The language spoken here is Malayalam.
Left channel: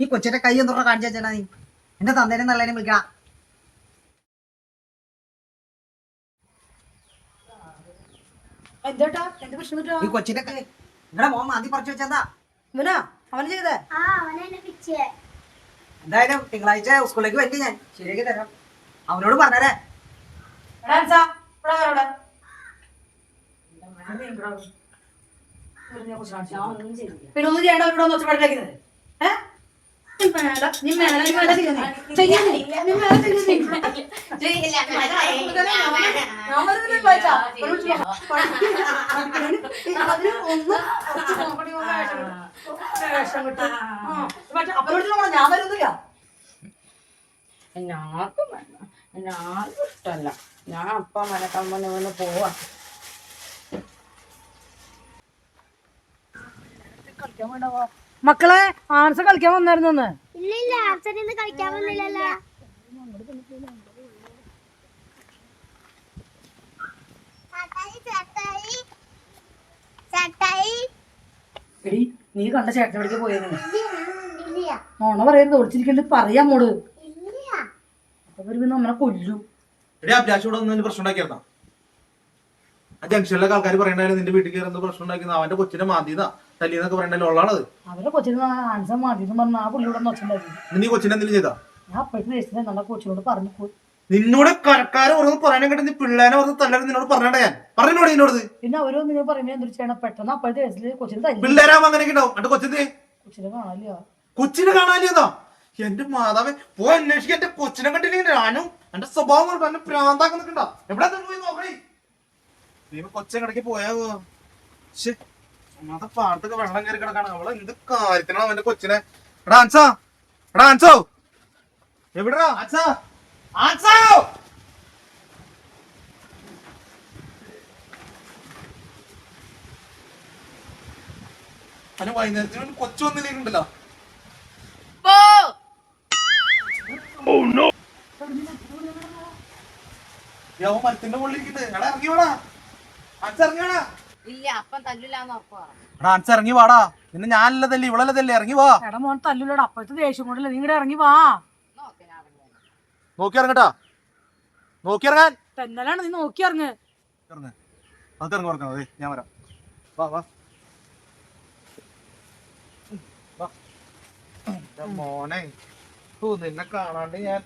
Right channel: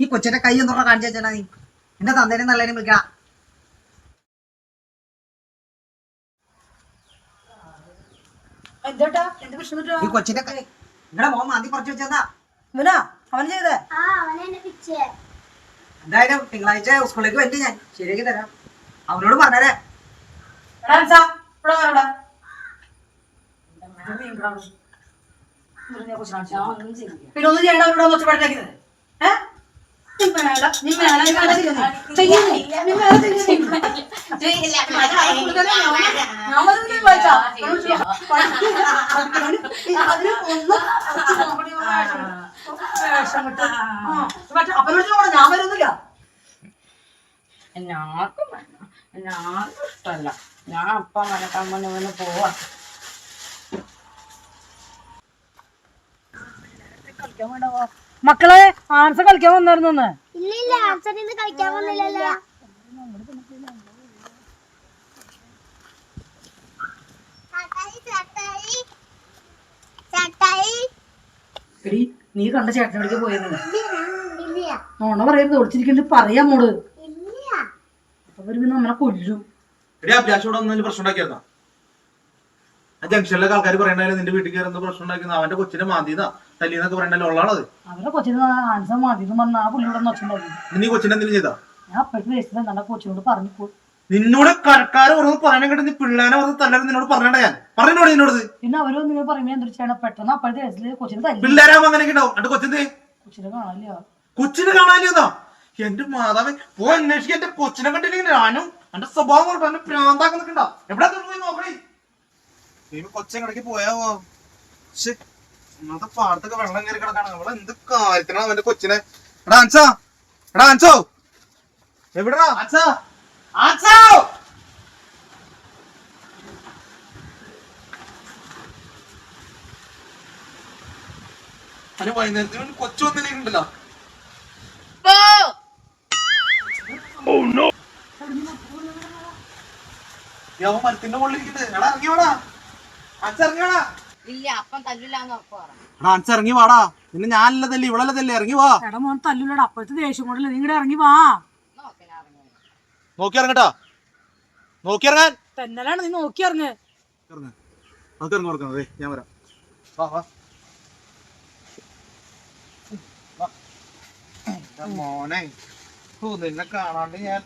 ഈ കൊച്ചിന്റെ കൈ എന്തുറ കാണിച്ചു വെച്ചാ നീ എന്റെ തന്തേനെ നല്ലതിനെ വിളിക്കണം. ഈ കൊച്ചിന്റെ കൈ നിങ്ങളുടെ മോൻ മാന്തി പറിച്ചു വെച്ചാ അവൻ ചെയ്തേ. എന്തായാലും തിങ്കളാഴ്ച സ്കൂളിലേക്ക് വണ്ടി ഞാൻ ശരിയാക്കി തരാം. അവനോട് പറഞ്ഞേ. പിന്നെ ഒന്നും ചെയ്യണ്ട. അവരോട് ഒച്ചപ്പാടിക്കുന്നത് അപ്പനോട് ഞാൻ വരുന്നില്ല. എല്ലാവർക്കും വേണം, എല്ലാവർക്കും ഇഷ്ടമല്ല. ഞാൻ അപ്പം വരക്കാൻ പറഞ്ഞ പോവാ. മക്കളെ ആൻസ കളിക്കാൻ വന്നായിരുന്നു. ഇല്ല കളിക്കാൻ വന്നില്ലല്ലോ. എടി നീ കണ്ട ചേട്ടനോടേക്ക് പോയത് നോണ പറയുന്നത് ഓടിച്ചിരിക്കണ്ട് പറയാ മോള്. അവര് പിന്നെ നമ്മളെ കൊല്ലും. പ്രശ്നം ഉണ്ടാക്കിയിരുന്ന ആ ജംഗ്ഷനിലൊക്കെ ആൾക്കാർ പറയണ്ടായിരുന്നു നിന്റെ വീട്ടിൽ കയറുന്ന പ്രശ്നം ഉണ്ടാക്കുന്ന അവന്റെ കൊച്ചിനെ മാന്തിന്നാ തല്ലിന്നൊക്കെ പറയണ്ടല്ലോ. ഉള്ളതാണത്. അവരുടെ കൊച്ചിന് ആൻസർ മാന്തിന്ന് പറഞ്ഞ ആ പുള്ളിയോടെ നോച്ചുണ്ടായിരുന്നു. നീ കൊച്ചിനെ എന്തെങ്കിലും ചെയ്താ? ഞാൻ അപ്പോഴത്തെ ദേശത്തിന് നല്ല കൊച്ചിനോട് പറഞ്ഞു. നിന്നോട് കരക്കാരെ ഓരോന്ന് പറയണ കേട്ട് നീ പിള്ളേനെ ഓർന്ന് തല്ലാൻ നിന്നോട് പറഞ്ഞാ ഞാൻ പറഞ്ഞോട് നിന്നോട്. പിന്നെ അവരോ നിങ്ങൾ പറയുമ്പോ എന്തൊരു ചെയ്യണം. പെട്ടെന്ന് അപ്പോഴത്തെ ദേശത്തില് കൊച്ചിന് തല്ലി. പിള്ളേരാകുമ്പോ അങ്ങനെയൊക്കെ ഉണ്ടാവും. എന്റെ കൊച്ചിനെ കാണാനില്ല. കൊച്ചിനെ കാണാനില്ലെന്നോ? എന്റെ മാതാവേ പോ അന്വേഷിക്കാൻ. എന്റെ കൊച്ചിനെ കണ്ടില്ലെങ്കിൽ ഞാനും എന്റെ സ്വഭാവം കൊണ്ട് എന്നെ പ്രാന്താക്കി നിൽക്കണ്ട. എവിടെ പോയി നോക്കണേ. നീ കൊച്ചങ്ങടക്ക് പോയാവോ? ഒന്നാമത്തെ പാടത്തൊക്കെ വെള്ളം കയറി കിടക്കാണ്. അവളെ എന്ത് കാര്യത്തിനാണ് അവന്റെ കൊച്ചിനെ. എടാ ആൻസോ, എടാ ആൻസോ, എവിടാ ആൻസോ? ആൻസോ അല്ല വൈകുന്നേരത്തിന് കൊച്ചു വന്നില്ലേക്കുണ്ടല്ലോ. മരത്തിന്റെ മുകളിലിരിക്കുന്നത്. എടാ ഇറങ്ങി വാടാ. ആൻസ ഇറങ്ങി വാടാ. ഇല്ല അപ്പം തല്ലില്ലാന്ന് ഉറപ്പ് പറഞ്ഞു. എടാ ആൻസ ഇറങ്ങി വാടാ. നിന്നെ ഞാനല്ലതല്ലേ ഇവളല്ലതല്ലേ. ഇറങ്ങി വാ. എടാ മോൻ തല്ലൂലടാ. അപ്പോഴത്തെ ദേഷ്യം കൊണ്ടല്ലേ നീ ഇങ്ങടെ ഇറങ്ങി വാ. നോക്കി ഇറങ്ങട്ടാ. നോക്കി ഇറങ്ങാൻ തെന്നലാണ് നീ നോക്കി ഇറങ്ങ്. നമുക്ക് ഇറങ്ങി ഇറങ്ങാം. ഞാൻ വരാം. വാ വാ മോനെ. നിന്നെ കാണാണ്ട് ഞാൻ